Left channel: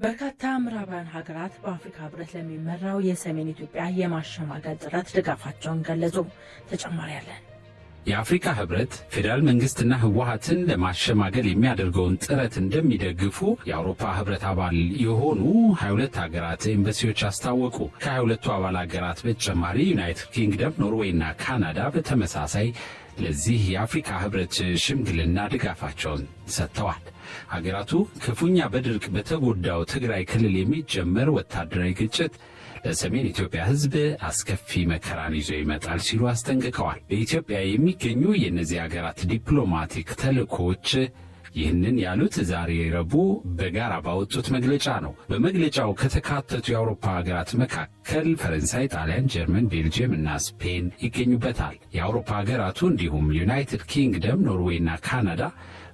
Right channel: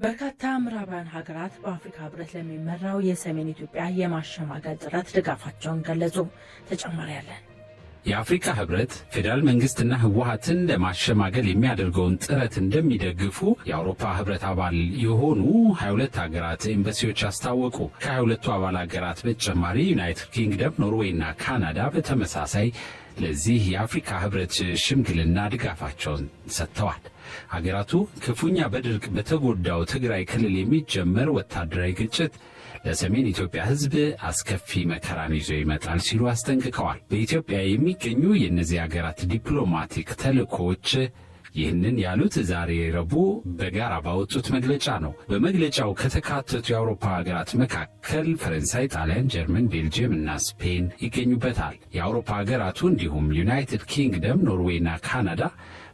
በርካታ ምዕራባውያን ሀገራት በአፍሪካ ህብረት ለሚመራው የሰሜን ኢትዮጵያ የማሸማገል ጥረት ድጋፋቸውን ገለጹ። ተጨማሪ ያለን የአፍሪካ ህብረት ፌዴራል መንግስትና ህወሓትን ለማሸማገል የሚያደርገውን ጥረት እንደሚደግፉ የአውሮፓ ህብረት አባል የሆኑ 22 ሀገራት ኤምባሲዎች አስታወቁ። ከ22ቱ አባል ሀገራት በተጨማሪ ዩናይትድ ኪንግደም፣ ኖርዌይና ካናዳ በተመሳሳይ ለዚህ የአፍሪካ ህብረት ሽምግልና ድጋፋቸውን ሰጥተዋል። ሀገራቱ ክፉኛ በድርቅ በተጎዳው ትግራይ ክልል የሚጀመር ወታደራዊ ግጭት ለሰሜን ኢትዮጵያ ህዝብ አስከፊ መከራን ይዞ ይመጣል ሲሉ አስጠንቅቀዋል። በኢትዮጵያ የሚገኙ የእነዚህ ሀገራት ዲፕሎማቲክ ተልእኮዎች ይህንን ያሉት ዛሬ ረቡዕ በጋራ ባወጡት መግለጫ ነው። በመግለጫው ከተካተቱ የአውሮፓ ሀገራት መካከል ፈረንሳይ፣ ጣሊያን፣ ጀርመን፣ ቤልጅየም እና ስፔን ይገኙበታል። የአውሮፓ ሀገራቱ እንዲሁም ዩናይትድ ኪንግደም፣ ኖርዌይና ካናዳ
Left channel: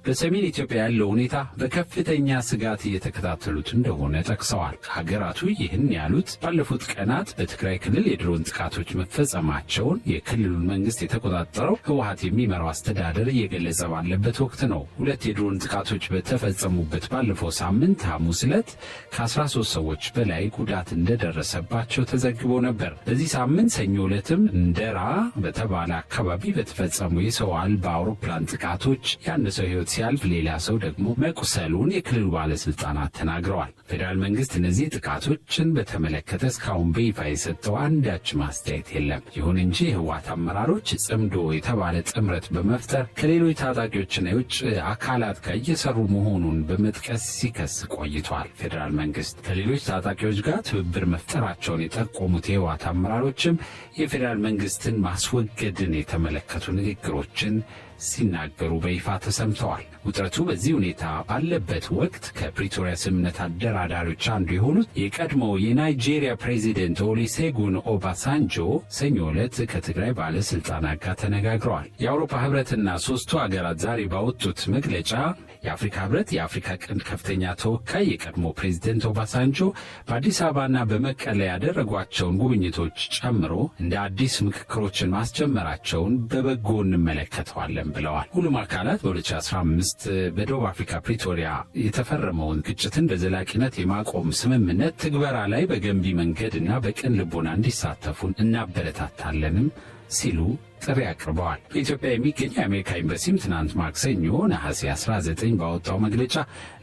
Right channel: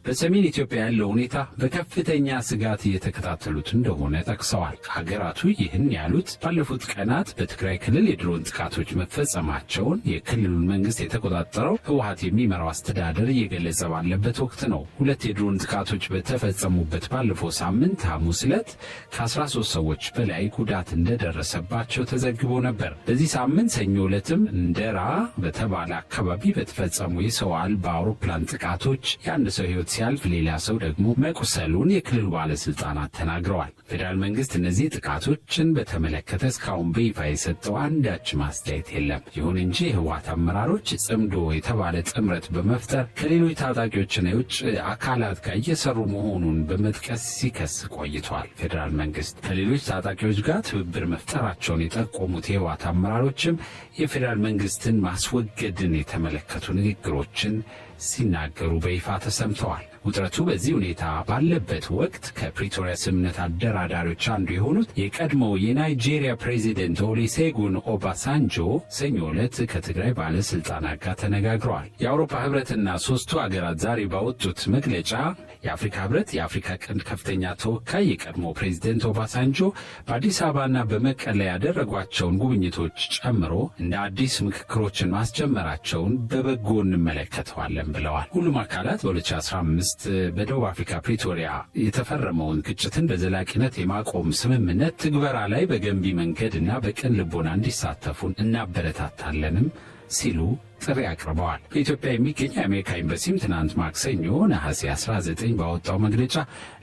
በሰሜን ኢትዮጵያ ያለው ሁኔታ በከፍተኛ ስጋት እየተከታተሉት እንደሆነ ጠቅሰዋል። ሀገራቱ ይህን ያሉት ባለፉት ቀናት በትግራይ ክልል የድሮን ጥቃቶች መፈጸማቸውን የክልሉን መንግስት የተቆጣጠረው ህወሓት የሚመራው አስተዳደር እየገለጸ ባለበት ወቅት ነው። ሁለት የድሮን ጥቃቶች በተፈጸሙበት ባለፈው ሳምንት ሐሙስ ዕለት ከ13 ሰዎች በላይ ጉዳት እንደደረሰባቸው ተዘግቦ ነበር። በዚህ ሳምንት ሰኞ ዕለትም እንደራ በተባለ አካባቢ በተፈጸሙ የሰው አልባ አውሮፕላን ጥቃቶች የአንድ ሰው ህይወት ሲያልፍ ሌላ ሰው ደግሞ መቁሰሉን የክልሉ ባለስልጣናት ተናግረዋል። ፌዴራል መንግስት እነዚህ ጥቃቶችን በተመለከተ እስካሁን በይፋ የሰጠው አንዳች ማስተያየት የለም። ይሁን እንጂ የህወሓት አመራሮች ጽምዶ የተባለ ጥምረት በመፍጠር ከሌሎች ታጣቂዎችና የውጭ አካላት ጋር እየሰሩ መሆኑን በመጥቀስ ሲከስ ቆይቷል። ፌዴራል መንግስት ከሌሎች ታጣቂዎች ጋር ትብብር መፍጠራቸውን የጠቆሙት የህወሓት አመራሮችም የፌዴራል መንግስትን ማስወገድን የተመለከቱ ንግግሮችን ሲናገሩ በይፋ ተሰምተዋል። ውጥረቱ በዚህ ሁኔታ ባለበት ወቅት ከፕሪቶሪያ ስምምነት አደራዳሪዎች አንዱ የሆኑት የቀድሞው የናይጄሪያ ፕሬዚደንት ኦሉሴጉን ኦባሳንጆ ሰኞ ዕለት ከትግራይ ባለስልጣናት ጋር ተነጋግረዋል። የአውሮፓ ህብረትና ሶስቱ ሀገራት ዛሬ ባወጡት መግለጫ የአፍሪካ ህብረት የአፍሪካ ቀንድ ከፍተኛ ተወካይ የቀድሞ ፕሬዚደንት ኦባሳንጆ በአዲስ አበባና በመቀለ ያደረጓቸውን ጉብኝቶች ጨምሮ እንደ አዲስ ምክክሮችን ማስጀመራቸውን በበጎ እንመለከተዋለን ብለዋል። ሁሉም አካላት በ2015 በደቡብ አፍሪካ ፕሪቶሪያ የተፈረመውን ግጭትን በዘላቂነት የማቆም ስምምነት ትግበራ ላይ በገንቢ መንገድና በቅን ልቦና እንዲሳተፉን እናበረታታለንም ሲሉ ጥሪ አቅርበዋል። በኢትዮጵያ የሚገኘው የአሜሪካ ኤምባሲም ትናንት ማክሰኞ ነሐሴ 19 ባወጣው መግለጫ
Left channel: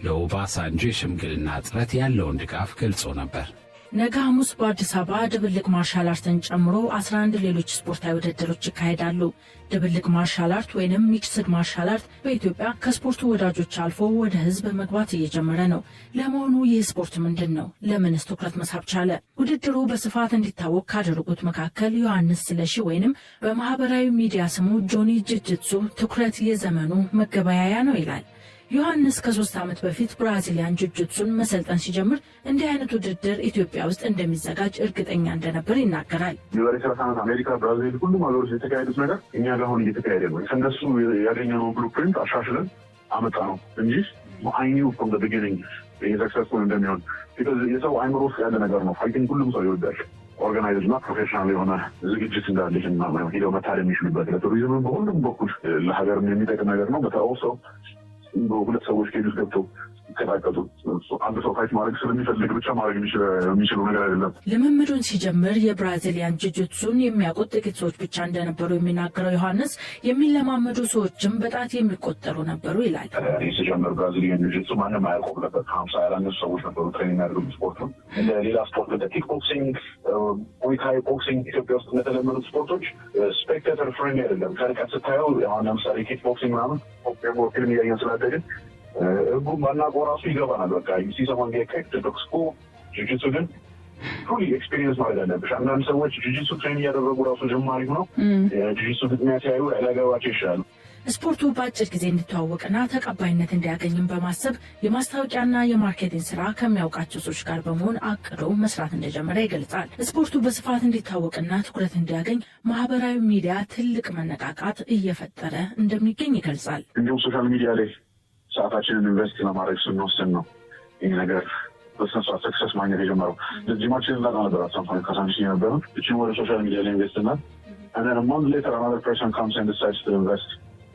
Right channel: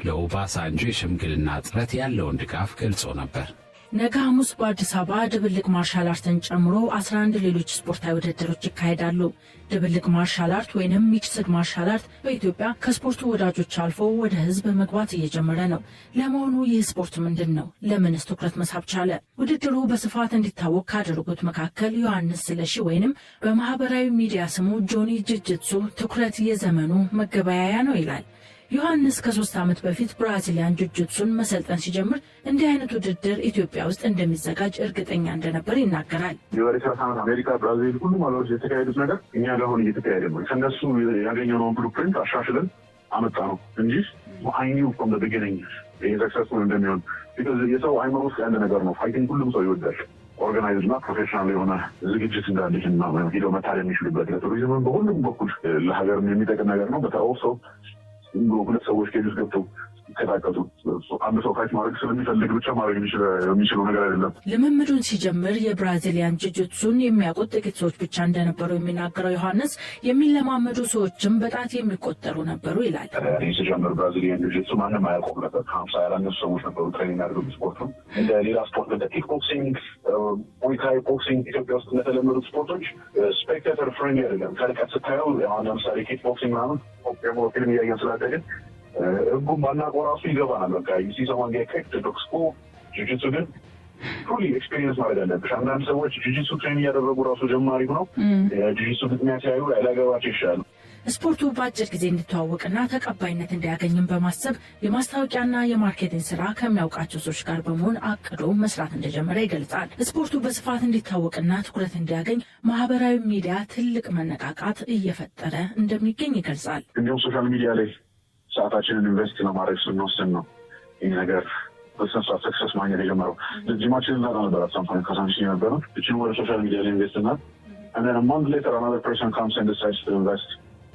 ለኦባሳንጆ የሽምግልና ጥረት ያለውን ድጋፍ ገልጾ ነበር። ነገ ሐሙስ በአዲስ አበባ ድብልቅ ማርሻል አርትን ጨምሮ 11 ሌሎች ስፖርታዊ ውድድሮች ይካሄዳሉ። ድብልቅ ማርሻል አርት ወይንም ሚክስድ ማርሻል አርት በኢትዮጵያ ከስፖርቱ ወዳጆች አልፎ ወደ ህዝብ መግባት እየጀመረ ነው። ለመሆኑ ይህ ስፖርት ምንድን ነው? ለምንስ ትኩረት መሳብ ቻለ? ውድድሩ በስፋት እንዲታወቅ ካደረጉት መካከል ዮሐንስ ስለሺ ወይንም በማህበራዊ ሚዲያ ስሙ ጆኒ ጅጅትሱ ትኩረት የዘመኑ መገበያያ ነው ይላል። ዮሐንስ ከ3 ዓመት በፊት ብራዚሊያን ጁጁትሱን መሰልጠን ሲጀምር እንዲህ አይነት ውድድር ኢትዮጵያ ውስጥ እንደሚዘጋጅ እርግጠኛ እንደነበር ይናገራል። አሜሪካ፣ ብራዚል፣ ሁሉም ሀገሮች የተካሄዱት ነገር እኛ ጋር አሁን እየተካሄደ ነው። ከእነሱ ያገኘነውን ብሉፕሪንት አሻሽለን አመጣ ነው እንጂ አይኒው ፍሮም ዘ ቢጊኒንግ ሰክሰስፉል እንደሚሆን የሰው አይምሮ ውስጥ ያለ ነገር ነው። ፋይቲንግ ሁሉም ሰው ይወዳል። ኦርጋናይዝድ እና ፕሮፌሽናል የሆነ ዝግጅት እንዳለሽ እና ሄደው መታል የሚችሉበት ለቱሪዝም በሁሉም በኩል ለሀገር የሚጠቅም ነገር ነው። በተራው ሰው ሁለት ሰዎች ኬጅ ገብተው ይቀጣቀጡ አንድ ሰው ፋይት ማድረግ ስለሚፈልግ ብቻ ማድረግ የሚችለው ነገር አይደለም። ልምምዱን ሲጀምር የብራዚሊያን ጁጁትሱን የሚያውቁት ጥቂት ሰዎች ብቻ እንደነበሩ የሚናገረው ዮሐንስ የሚለማመዱ ሰዎችም በጣት የሚቆጠሩ ነበሩ ይላል። ሲጀምር ብራዚሊያን ጁጁትሱ ማንም አያውቁም ነበር። 50 ያላነሱ ሰዎች ነበሩ ትሬኒንግ ያደርጉ ስፖርቱን። እንደ ሌላ ስፖርት እንደ ኪክ ቦክሲንግ፣ ሙይታይ ቦክሲንግ ኢትዮጵያ ውስጥ እንደተለመዱት ስፖርቶች ስፔክታተር ፍሬንድ አይደለም። ከርቀት ስታየው አሁን ለምሳሌ ኪክ ቦክሲንግ ምናምን ፊልም እያየን ስላደግን ህጉም ባናውቀው ራሱ ይገባናል። በቃ ሲሰማ ዶክስኮ ጁጂትሱ ግን ፉሊ ኤክስፔሪየንስ ማለት አለብሽ። አንዳንድ ሰዎች ጁጂትሱ ትሬን እያደረጉ ራሱ ጀማሪ ሆነው ጁጂትሱ ግጥሚያ ሲያዩ ያላገባቸው ይሻላሉ። ስፖርቱ በአጭር ጊዜ እንዲተዋወቅና ተቀባይነት እንዲያገኝም በማሰብ የማስታወቂያና የማርኬቲንግ ስራ ከሚያውቃቸው ሰዎች ጋር በመሆን አቅዶ መስራት እንደጀመረ ይገልጻል። ስፖርቱ በስፋት እንዲታወቅና ትኩረት እንዲያገኝ ማህበራዊ ሚዲያ ትልቅ መነቃቃት እየፈጠረ እንደሚገኝ ይገልጻል። እንዲሁም ሶሻል ሚዲያ ላይ ሰዓታችንን ኢንቨስት ለማድረግ ስንወስን ነው ይህ ነገር በስነስርዓት ሰክሰስ ማግኘት የጀመረው። ጂማችንን ላጣ ነበር አሳምፋኝ ከሳንሽ የነበረው እችን ወደ ሶሻል ሚዲያ ላይ ኢንቨስት እና month later another person comes and decides to invest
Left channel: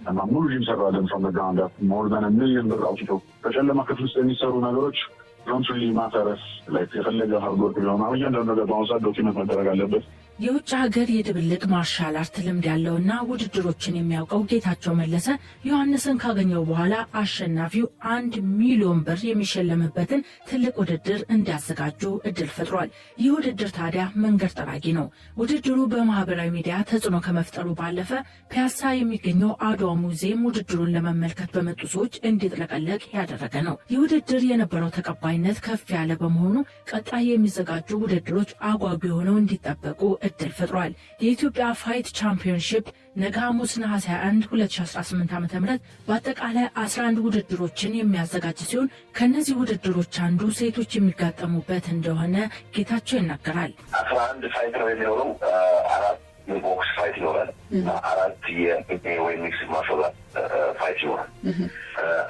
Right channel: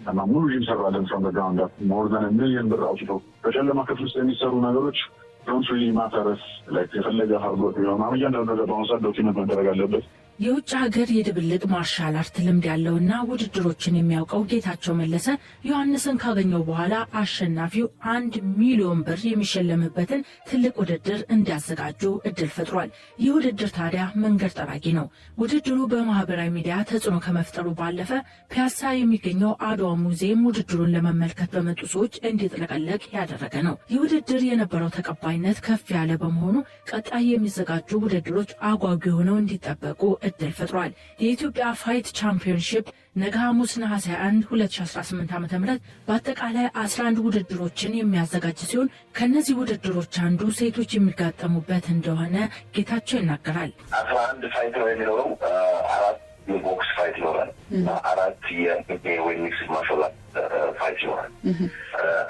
እና ሙሉ ጂም ሰራለን from the ground up more than $1 million አውጥቶ በጨለማ ክፍል ውስጥ የሚሰሩ ነገሮች ዶንት ሪሊ ማተርስ ላይክ የፈለገ ሀርዶር ቢሆን እያንዳንዱ ነገር በማውሳት ዶኪመንት መደረግ አለበት። የውጭ ሀገር የድብልቅ ማርሻል አርት ልምድ ያለውና ውድድሮችን የሚያውቀው ጌታቸው መለሰ ዮሐንስን ካገኘው በኋላ አሸናፊው 1 ሚሊዮን ብር የሚሸለምበትን ትልቅ ውድድር እንዲያዘጋጁ እድል ፈጥሯል። ይህ ውድድር ታዲያ መንገድ ጠራጊ ነው። ውድድሩ በማህበራዊ ሚዲያ ተጽዕኖ ከመፍጠሩ ባለፈ ፒያሳ የሚገኘው አድዋ ሙዚየም ውድድሩን ለመመልከት በመጡ ሰዎች እንዲጥለቀለቅ ያደረገ ነው። ይህ ውድድር የነበረው ተቀባይነት ከፍ ያለ በመሆኑ ቀጣይ የሚዘጋጁ ውድድሮች አጓጊ ሆነው እንዲጠበቁ እድል ፈጥሯል። የኢትዮጵያ ፋይት ቻምፒዮንሺፕ ነገ ሐሙስ ነሐሴ 21 2018 ዓ.ም በአጠቃላይ 11 ውድድሮችን የሚያዘጋጅ ሲሆን ከነዚህ ውድድሮች አንዱ ሴቶች የሚጋጠሙበት እንደሆነ ጌታቸው ይናገራል። 11 ፋይት ነው የሚኖረው። 4 የቦክስ ፋይት ይኖራል። 4 የኤ ወይም ሚክስ ማርሻል አርት ፋይት ይኖራል።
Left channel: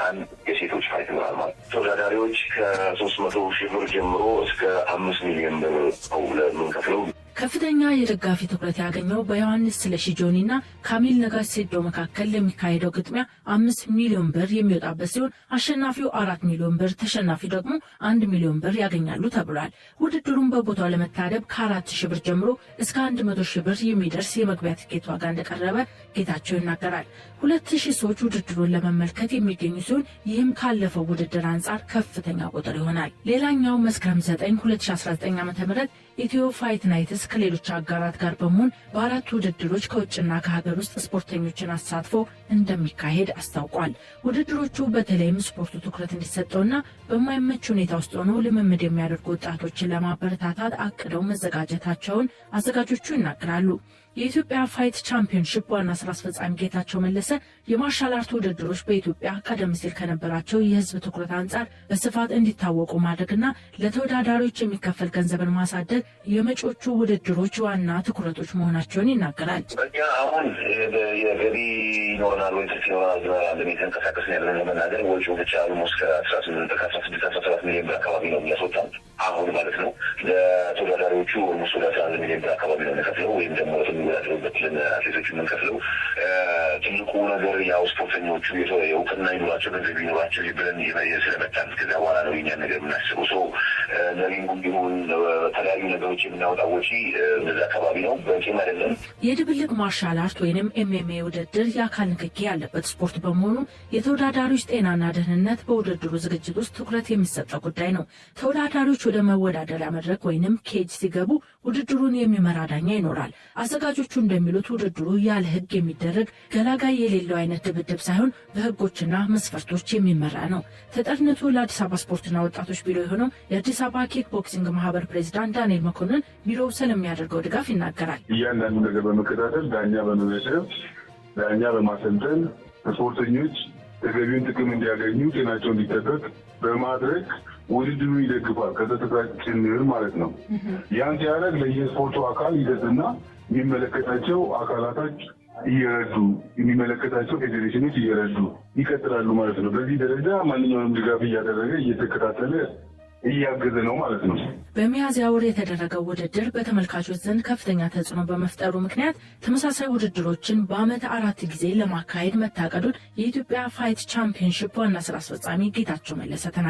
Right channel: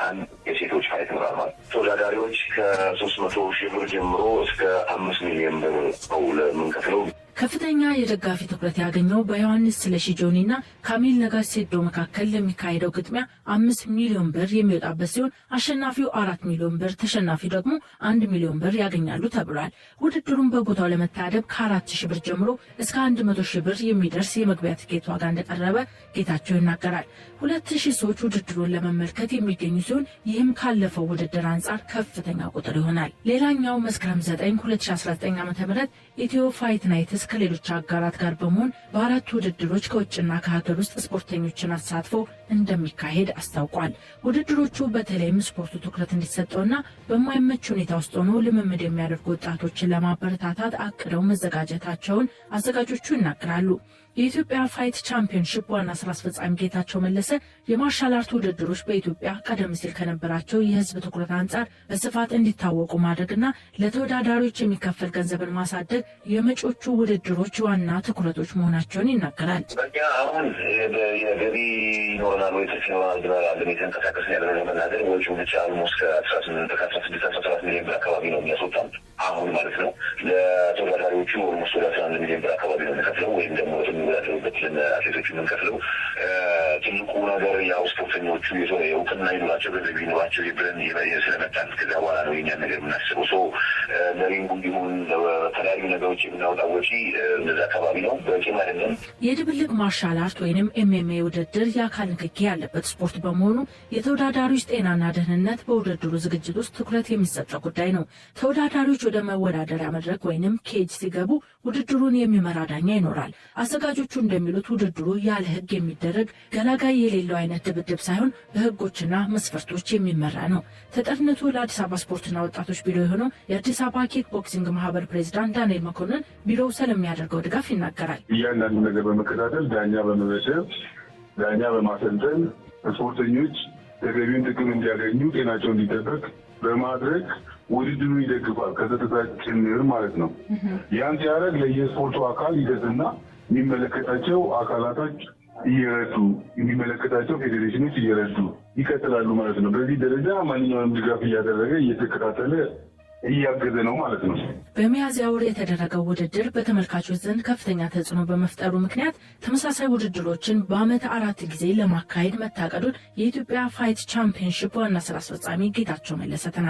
1 የሴቶች ፋይት ይኖራል ማለት ነው። ተወዳዳሪዎች ከ300,000 ብር ጀምሮ እስከ 5 ሚሊዮን ብር ነው ለምንከፍለው። ከፍተኛ የደጋፊ ትኩረት ያገኘው በዮሐንስ ስለሺ ጆኒና ካሚል ነጋሽ ሴዶ መካከል ለሚካሄደው ግጥሚያ 5 ሚሊዮን ብር የሚወጣበት ሲሆን አሸናፊው 4 ሚሊዮን ብር፣ ተሸናፊ ደግሞ 1 ሚሊዮን ብር ያገኛሉ ተብሏል። ውድድሩን በቦታው ለመታደብ ከ4,000 ብር ጀምሮ እስከ 100,000 ብር የሚደርስ የመግቢያ ትኬት ዋጋ እንደቀረበ ጌታቸው ይናገራል። 2,000 ሰዎች ውድድሩን ለመመልከት የሚገኙ ሲሆን ይህም ካለፈው ውድድር አንጻር ከፍተኛ ቁጥር ይሆናል። ሌላኛው መስከረም 9 2019 ዓ.ም ኢትዮ ፋይት ናይትስ ከሌሎች አጋራት ጋር በመሆን በ4 ውድድሮች ከውጭና ከሀገር ውስጥ ስፖርተኞችን አሳትፎ እንደሚካሄድ አስታውቋል። ውድድሮቹ በተለይም ስፖርቱ ትኩረት እንዲሰጠውና በማይመች ሁኔታ ውስጥ ሆነው ልምምድ የሚያደርጉ ወጣቶችን ለማበረታታት አቅደው መዘጋጀታቸውን አዘጋጆቹ ይናገራሉ። የኢትዮጵያ ፋይት ቻምፒዮንሺፕ ዋና ስራ አስፈጻሚ ጌታቸው መለሰ የማርሻል አርት ውድድሮች በኢትዮጵያ ቀደም ሲል ከነበራቸው የሕዝብ ትኩረት አንጻር በስፋት እንዲታወቁ ማድረግና ለተወዳዳሪዎች የሚከፈል ገንዘብን ማሳደግ የመጪዎቹ ውድድሮች ዋና ትኩረቶች መሆናቸውን ይናገራል። አሁን የገቢ ይኖረናል ወይ ትርፍ ይኖረናል ብለን የተንቀሳቀስን ያለ ለመናገር ወጪው ብቻ ኦልሞስት ከ16-17 ሚሊዮን ብር አካባቢ ነው የሚያስወጣው አሁን ማለት ነው። ለተወዳዳሪዎቹ ኦልሞስት ወደ 11 ሚሊዮን ብር አካባቢ ነው የሚከፍለው ወይም ደግሞ የሚወዳደሩበት ለአትሌቶቹ የምንከፍለው። ትልቁ ነገር ያው ስፖርተኞቹ የእውቅና ይኖራቸው ገንዘብ ይኖራቸው ብለን ስለመጣን ከዚያ በኋላ ነው የኛን ነገር የምናስበው። ሰው ለሪንጉ እንዲሆን በተለያዩ ነገሮች የምናወጣ ወጪ እንደዛ አካባቢ ነው፣ በቂም አይደለም። የድብልቅ ማርሻል አርት ወይንም ኤምኤምኤ ውድድር የአካል ንክኪ ያለበት ስፖርት በመሆኑ የተወዳዳሪዎች ጤናና ደህንነት በውድድሩ ዝግጅት ውስጥ ትኩረት የሚሰጠው ጉዳይ ነው። ተወዳዳሪዎች ወደ መወዳደሪያ መድረክ ወይንም ኬጅ ሲገቡ ውድድሩን የሚመራ ዳኛ ይኖራል። አዘጋጆቹ እንደሚሉት ውድድሩ ያለ ሕግ የሚደረግ ገላጋይ የሌለው አይነት ድብድብ ሳይሆን በሕጎችና መስፈርቶች የሚመራ ነው። ተጠሪነቱ ለአዲስ አበባ ስፖርትና ወጣቶች ቢሮ የሆነው የአዲስ አበባ ኪክ ቦክሲንግ ማህበር ፕሬዚዳንት ዳንኤል መኮንን ቢሮው ስለሚያደርገው ድጋፍ ይናገራል። እያንዳንዱ ነገር በመከታተል ዳኛ በመመሰብ ዳኛ በማሰልጠን ስፖርተኞች ተገቢውን ጥቅም እንዲያገኙ ጤናቸው እንዲጠበቅ በማድረግ ውድድሩ ይደግፋል። ከተጠቃችን ማለት ነው። ያን ሲያደርግ ለየስፖርቱ አካል ይገዝና የሚመለከታቸው አካላቶች እየረዱ የሚመለከታቸው ፌዴሬሽኖች እየረዱ ይቀጥላሉ ማለት ነው። በዚህ ደረጃ ማንኛውንም ድጋፍ እያደረገ እየተከታተለ እያገዘ ነው ማለት ነው። በሚያዝያ ወር የተደረገው ውድድር በተመልካቾች ዘንድ ከፍተኛ ተጽዕኖ በመፍጠሩ ምክንያት ተመሳሳይ ውድድሮችን በዓመት 4 ጊዜ ለማካሄድ መታቀዱን የኢትዮጵያ ፋይት ቻምፒዮንሺፕ ዋና ስራ አስፈጻሚ ጌታቸው መለሰ ተናግረዋል።